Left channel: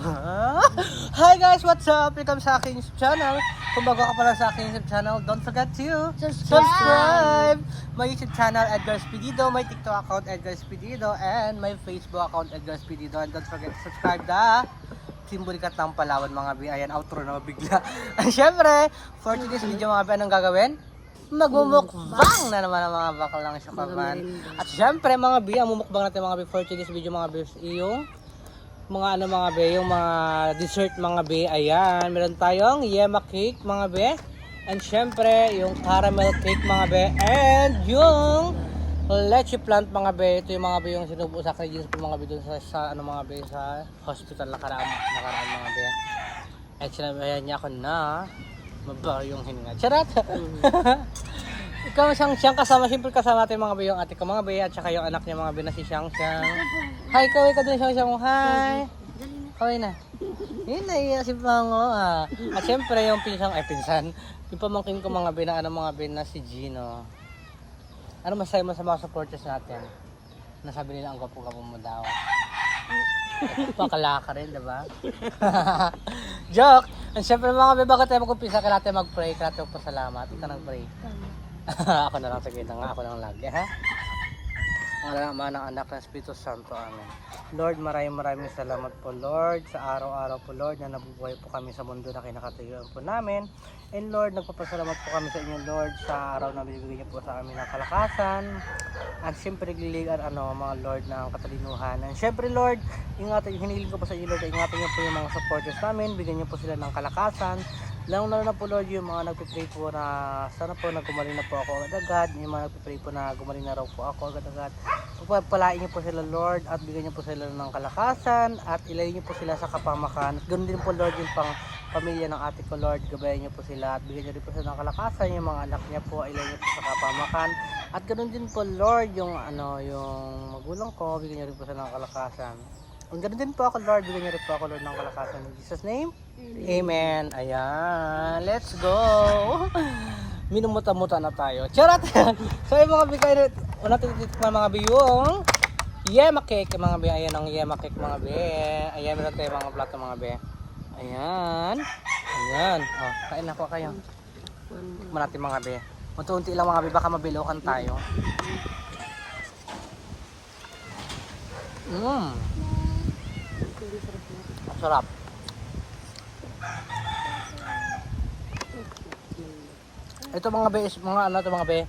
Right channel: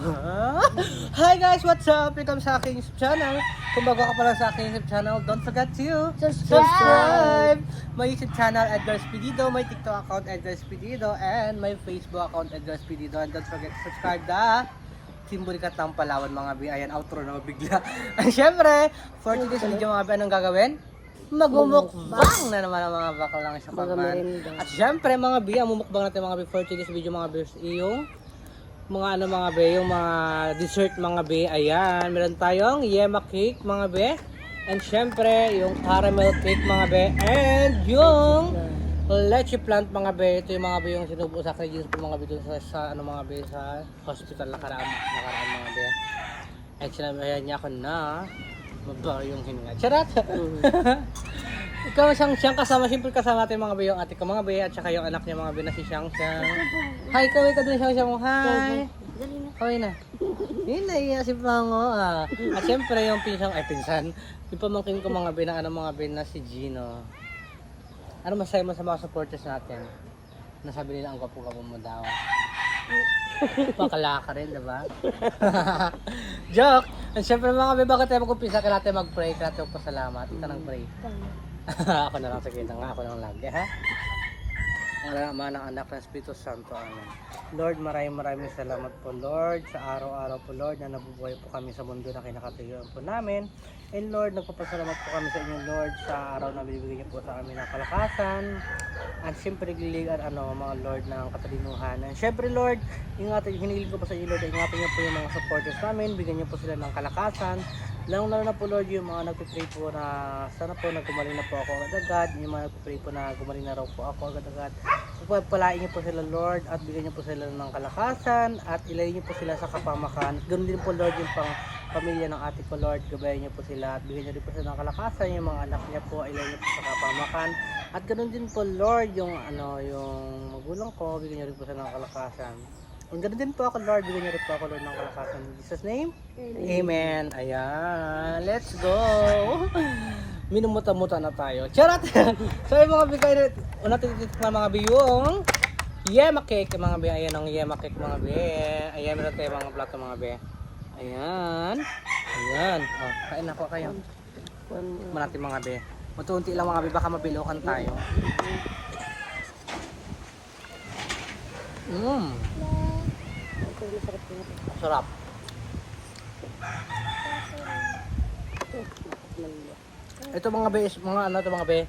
Hi guys, what's up? Welcome sa aking YouTube channel. Kung bago ka pala sa aking YouTube channel, don't forget to subscribe! My YouTube channel, Edgar Spedido, my TikTok account, Edgar Spedido, and my Facebook account, Edgar Spedido. And don't forget to subscribe the Kimburikat ng Palawan mga bi. Ayan, outro na bigla. And syempre, for today's video mga bi, anong gagawin? Magmumukbang na naman ang mga bakalang syukaman. At syempre mga bi, ang mumukbang natin mga bi for today's video mga bi, yung mga mga be, yung mga dessert mga be. Ayan, meron tayong yema cake mga be. And syempre, yung caramel cake mga be. And yung leche plant mga be. Ito yung mga be yung sinubo sa akin mga be dun sa ano mga be sa hospital nakaraan mga be. At sinabihan niya ako na mabaw yung hininga. Charot! Ikaw siyang kasama, siyempre kasama natin mga be, yung ate ko mga be, at saka yung anak niya mga be na si Xiang Xiang. Hi, kaway ka din Xiang Xiang. Hi! Kaway na. Yun na, iya si Pango ah. At siyempre yung pinsan, yung pamangkin ko mga be na ano mga be na si Gino. Ano masaya mo sa mga supporters natin? Nasabi nila ang gwapo-gwapo mo daw. Pakala ka rin, diba? Joke! At siyempre mga be, bakit tayo mag-umpisa ka natin mag-pray, ka natin magpasalamat. Ika nang-pray. Ako na lang, sige na nga, ako lang lagi, ha? Ang Ama ng Anak ng Espiritu Santo, Amen. Lord, maraming salamat po, Lord, sa araw-araw po, Lord, na nabubuhay po kami sa mundo na kinakatayuan po namin. And Lord, nagpapasalamat po kami sa inyo, Lord, sa araw na bibigyan po sa amin ng kalakasan. At siyempre, nagliligan, mga Lord, ng katalinuhan. And siyempre, Lord, hinihiling ko po sa inyo, Lord, ingatan niyo po yung mga supporters namin, bigyan niyo po sila ng kalakasan. Lalo na po, Lord, yung mga nagpipray po na sana po gumaling na po ako agad-agad. Yung mga nagpipray po na gumaling na raw po ako agad-agad. Pagpalain niyo po sila, Lord, at bigyan niyo po sila ng kalakasan at ilayin niyo po sila sa kapamakan. At ganoon din po, Lord, yung pang pamilya ng ate ko, Lord, gabayan niyo po sila at bigyan niyo din po sila ng kalakasan. Yung mga anak niya po, ilayin niyo po sa kapamakan. At ganoon din po, Lord, yung magulang ko, bigyan niyo rin po sila ng kalakasan. Ang ganoon din po ako, Lord, bigyan niyo rin po ako, Lord, ng kalakasan. In Jesus' name, Amen. Ayan, let's go. Minumuta-muta na tayo. Charot! So yung mga bigay na natin mga biyong yema cake mga be. Ayan ang yema cake mga be. Ayan meron tayo mga plato mga be. Ayan. Ayan. Oh, kain na po kayo. Malati mga be. Unti-unti lang mga be, baka mabilokan tayo. Sarap. Ito mga be, mga be.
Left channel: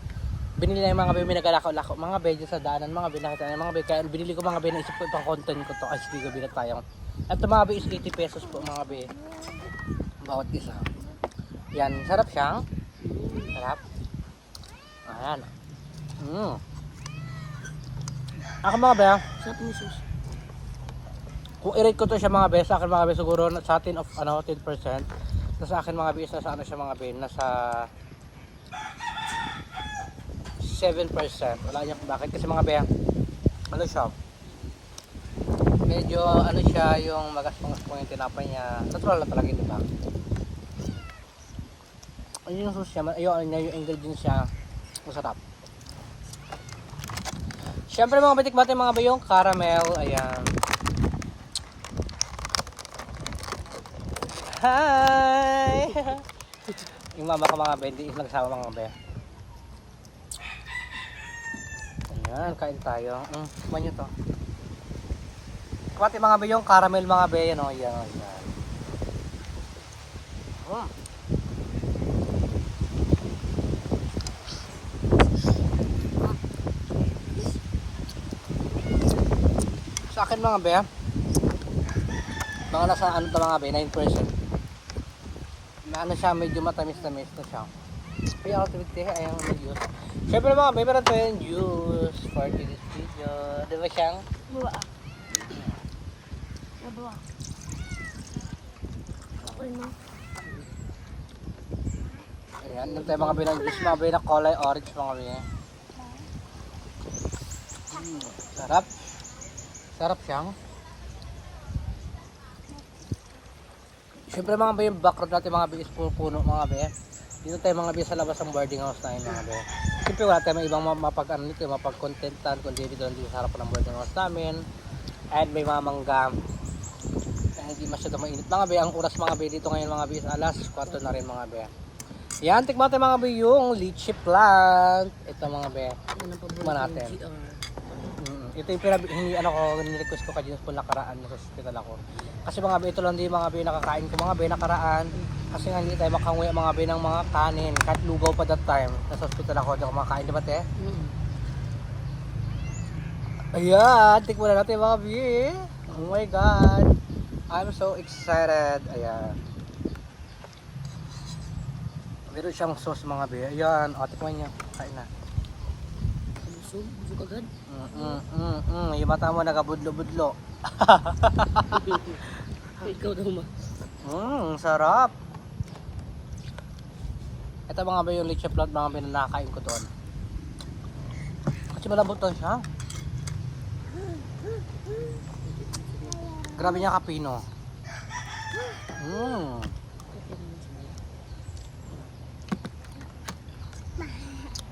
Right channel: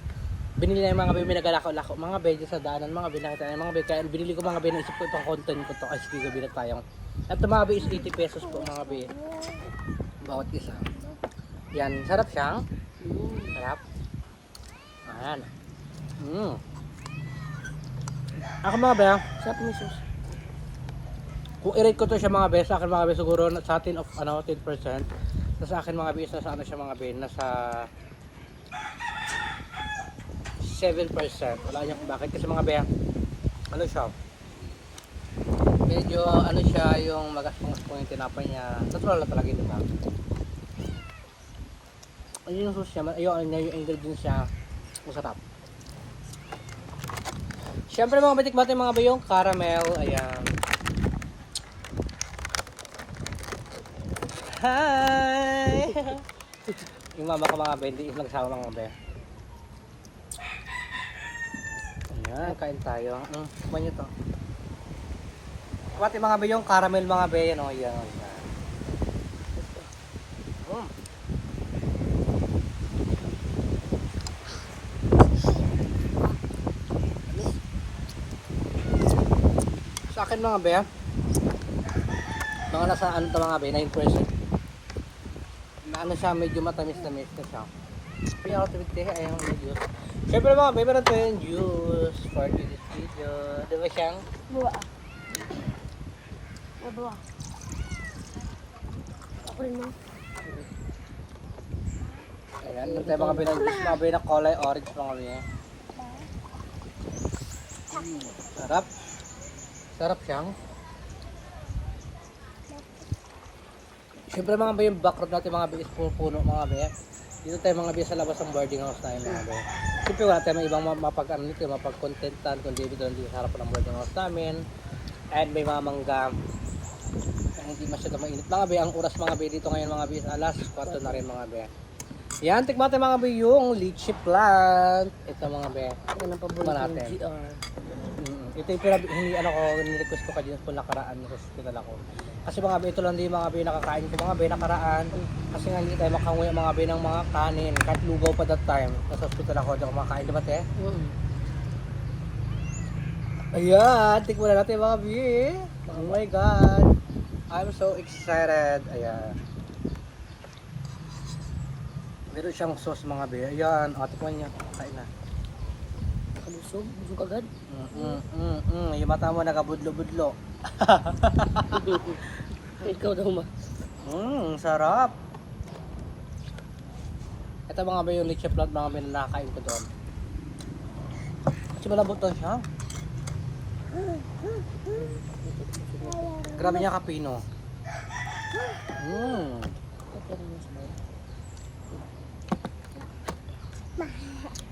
Binili na yung mga be, minagalako-lako mga be sa daanan mga be, nakita na mga be, kaya binili ko mga be, naisip ko itong content ko to. Ay sige, gabi na tayo. Ito mga be is 80 pesos po mga be. Bawat isa. Yan, sarap siya. Sarap. Ayan. Ako mga be, Sarap mo sis. kung i-rate ko to siya mga be, sa akin mga be siguro sa atin of 10%. Sa akin mga be, nasa ano siya mga be, nasa 7%. Wala niya kung bakit kasi mga be, ano siya, medyo ano siya, yung magaspong yung tinapay niya, natural na talaga, diba? Ano yung sauce niya, yung ingredients siya, masarap. Siyempre mga batik natin mga be, yung caramel, ayan. Hi! Yung mama ka mga be, hindi nagsama mga be. Ayan, kain tayo. Kumain nyo to. Pati mga be, yung caramel mga be, yan o, yan. Sa akin mga be, mga nasa ano to mga be, 9%. Na ano siya, medyo matamis-tamis na siya. May out with this, ayan ang juice. Siyempre mga be, meron tayong juice for today's video. Diba siyang? Buwa. Ay, buwa. Ako rin mo. Ayan, meron tayong mga be ng juice mga be na kulay orange mga be. Sarap. Sarap siyang. Siyempre mga be, yung background natin mga be is puno mga be. Dito tayo mga be sa labas ng boarding house na yun mga be. Siyempre wala tayo may ibang mapag-contentan kundi dito lang dito sa harap ng boarding house namin. And may mga mangga. Hindi masyado mainit mga be. Ang oras mga be dito ngayon mga be is alas 4 na rin mga be. Yan, tikman natin mga be yung lychee plant. Ito mga be. Ito na paborito Tikman ng natin. GR. Ito yung ni-request ko kay po nakaraan sa hospital ako. Kasi mga be, ito lang din mga be nakakain ko mga be nakaraan. Kasi nga hindi tayo makanguya mga be ng mga kanin. Kahit lugaw pa that time. Nasa hospital ako, di ako makain, di ba te? Ayan, tikman na natin mga be. Oh my God. I'm so excited. Ayan. Meron siyang sauce mga be. Ayan, tikman niya. Kain na. Kabusog, busog agad. Yung mata mo nagabudlo-budlo. Ikaw daw ma. Sarap. Ito mga ba yung lychee plant mga ba na nakakain ko doon. Kasi malambot lang siya. Grabe niya kapino.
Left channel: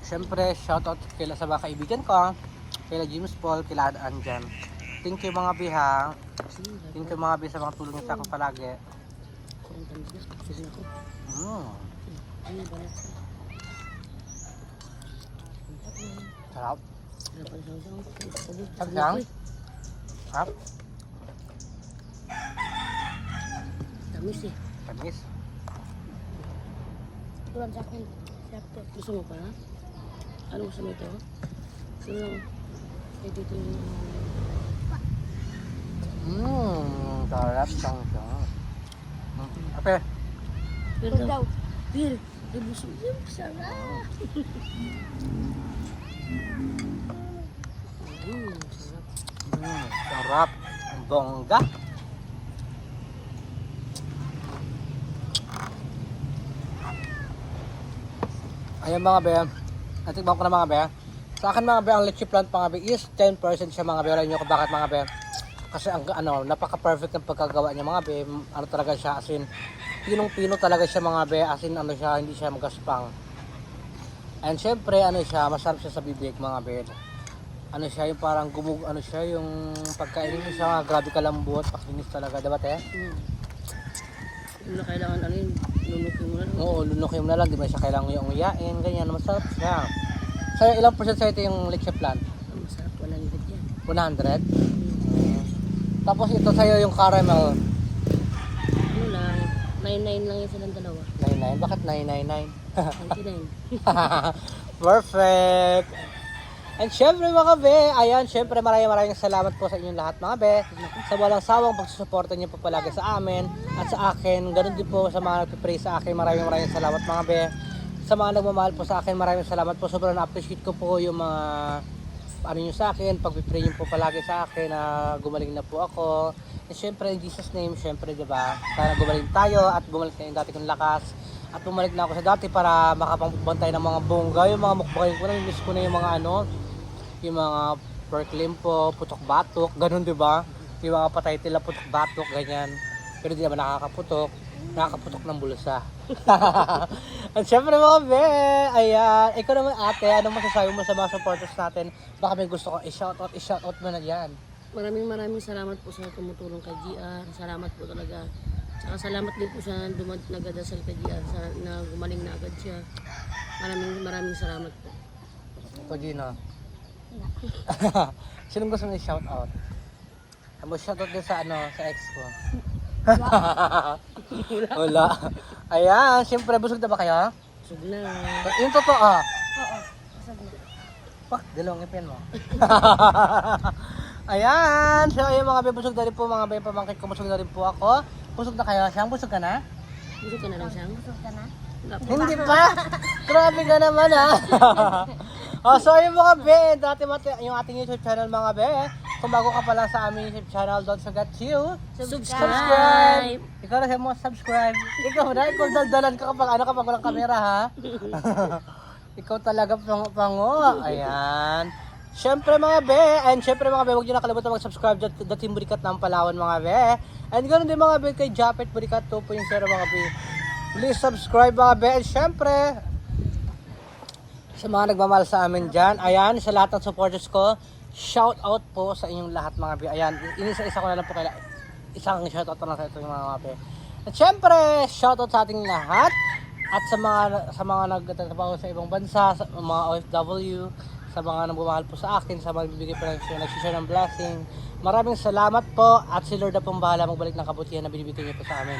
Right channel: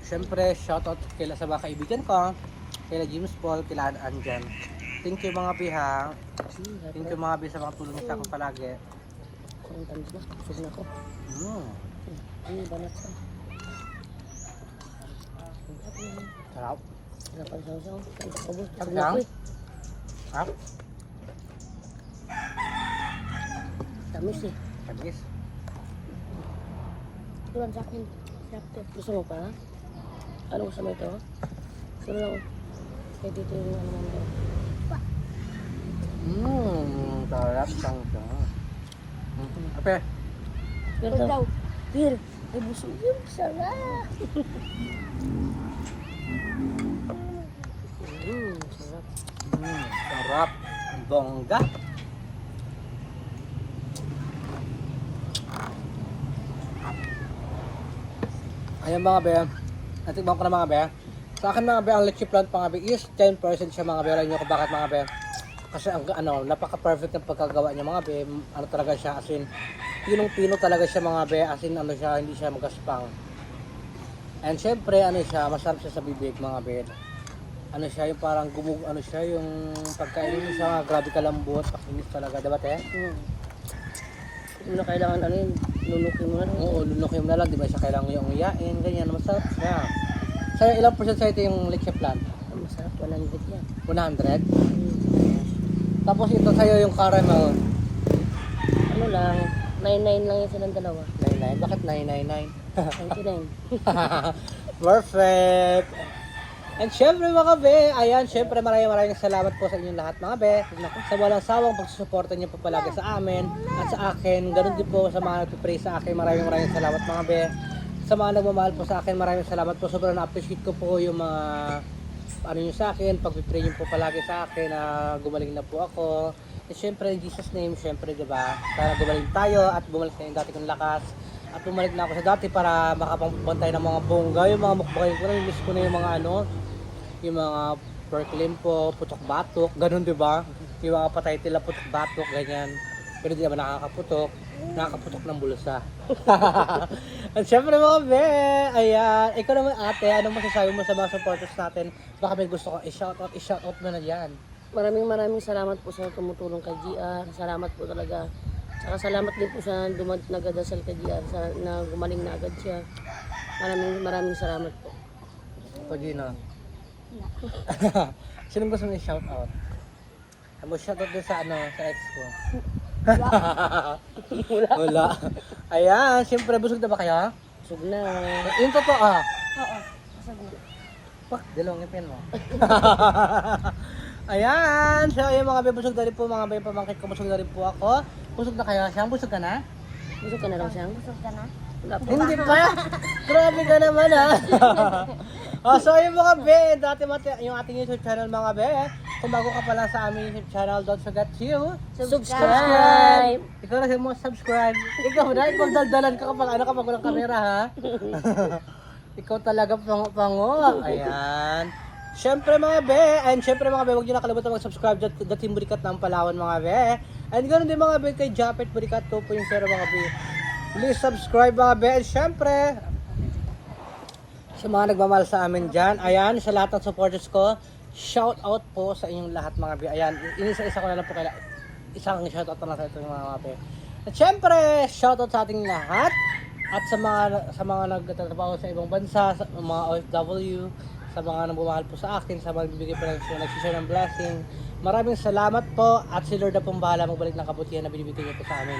Siyempre, shoutout kila sa mga kaibigan ko. Kila James Paul, kila Anjan. Thank you mga biha. Thank you mga biha sa mga tulong sa akin palagi. Ang tanda na, busog na ako. Ano balat ka? Sarap. Sarap ang sasaw. Busog Sarap na lang. ako eh. Sarap. Tamis eh. Tamis. Ito lang sa akin. Sarap to. Gusto mo pa? Ano gusto mo ito? Gusto mo lang. Kaya dito yung ano namin. Sarap sang Ate. Pero daw. Beer. Ay busog yun. Sarap. Sarap. Sarap. Ang bongga. Ayan mga be. Natikman ko na mga be. Sa akin mga be, ang lychee plant mga be is 10% siya mga be. Alam nyo kung bakit mga be. Kasi ang napaka-perfect ng pagkagawa niya mga be. Ano talaga siya, as in, pinong-pino talaga siya mga be. As in, ano siya, hindi siya magaspang. And syempre, ano siya, masarap siya sa bibig mga be. Ano siya, yung parang ano siya, yung pagkainin mo siya, grabe kalambot, pakinis talaga, diba te? Hindi mo na kailangan ano yun, lunukin mo na lang. Oo, lunukin mo na lang, di ba siya kailangan yung uyain, ganyan, masarap siya. Sa'yo, ilang percent sa'yo ito yung lychee plant? Masarap, 100 yan. 100? Tapos ito sa'yo yung caramel. Ano lang, 99 lang yun silang dalawa. 99? Bakit 999? 99. Perfect! And syempre mga be, ayan, syempre maraming salamat po sa inyong lahat mga be. Sa walang sawang pagsusuporta niyo po palagi sa amin at sa akin. Ganun din po sa mga nagpipray sa akin, maraming salamat mga be. Sa mga nagmamahal po sa akin, maraming salamat po. Sobrang na-appreciate ko po yung mga ano nyo sa akin, pagpipray nyo po palagi sa akin na gumaling na po ako. And syempre, in Jesus name, syempre, diba? Sana gumaling tayo at bumalik na yung dati kong lakas. At bumalik na ako sa dati para makapagbantay ng mga bongga, yung mga mukbangin ko na, miss ko na yung mga ano, yung mga pork limpo, putok-batok, ganun diba? Yung mga patay tila putok-batok, ganyan. Pero di naman nakakaputok ng bulsa. At syempre mga be, ayan, ikaw naman ate, anong masasabi mo sa mga supporters natin? Baka may gusto ko i-shoutout mo na dyan. Maraming salamat po sa tumutulong kay GR. Salamat po talaga. Saka salamat din po sa nagadasal kay GR na gumaling na agad siya. Maraming salamat po. Ito Gino. Sino gusto mong i-shoutout? Ano shoutout din sa sa ex ko? Wala. Ayan, siyempre busog na ba kayo? Busog na. Yung totoo Oo, busog na. Pak, dalawang ipin mo. Ayan, siya yung mga busog na rin po, mga pamangkit ko, busog na rin po ako. Busog na kayo? Siyang busog ka na? Busog ka na lang siyang? Busog ka na? Hindi pa? Grabe ka naman so yung mga be, yung ating YouTube channel mga be, kung bago ka pa lang sa aming YouTube channel, don't forget to subscribe! Ikaw na mo subscribe. Ikaw na, ikaw daldalan ka kapag walang kamera ha. Ikaw talaga pango. Ayan. Syempre mga be, and syempre mga be, huwag nyo nakalimutan mag-subscribe the Team Burikat ng Palawan mga be. And ganoon din mga be kay Japet Burikat 2.0 mga be. Please subscribe mga be. And syempre, sa mga nagmamahal sa amin dyan, ayan, sa lahat ng supporters ko, shout out po sa inyong lahat mga be. Ayan, inisa-isa ko na lang po isang shoutout na lang sa ito mga mape. At syempre, shoutout sa ating lahat at sa mga nagtatrabaho sa ibang bansa, sa mga OFW, sa mga nagmamahal po sa akin, sa mga bibigay po nagsishare ng blessing. Maraming salamat po at si Lord na pong bahala magbalik ng kabutihan na binibigay niyo po sa amin.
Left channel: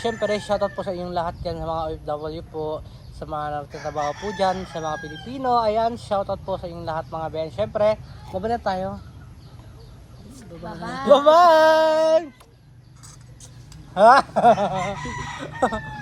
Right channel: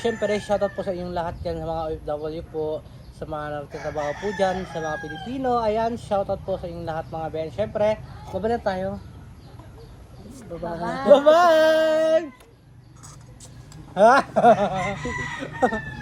Syempre, shoutout po sa inyong lahat dyan sa mga OFW po, sa mga nagtatrabaho po dyan, sa mga Pilipino. Ayan, shoutout po sa inyong lahat mga Ben. Syempre, baba na tayo. Bye-bye. Bye-bye!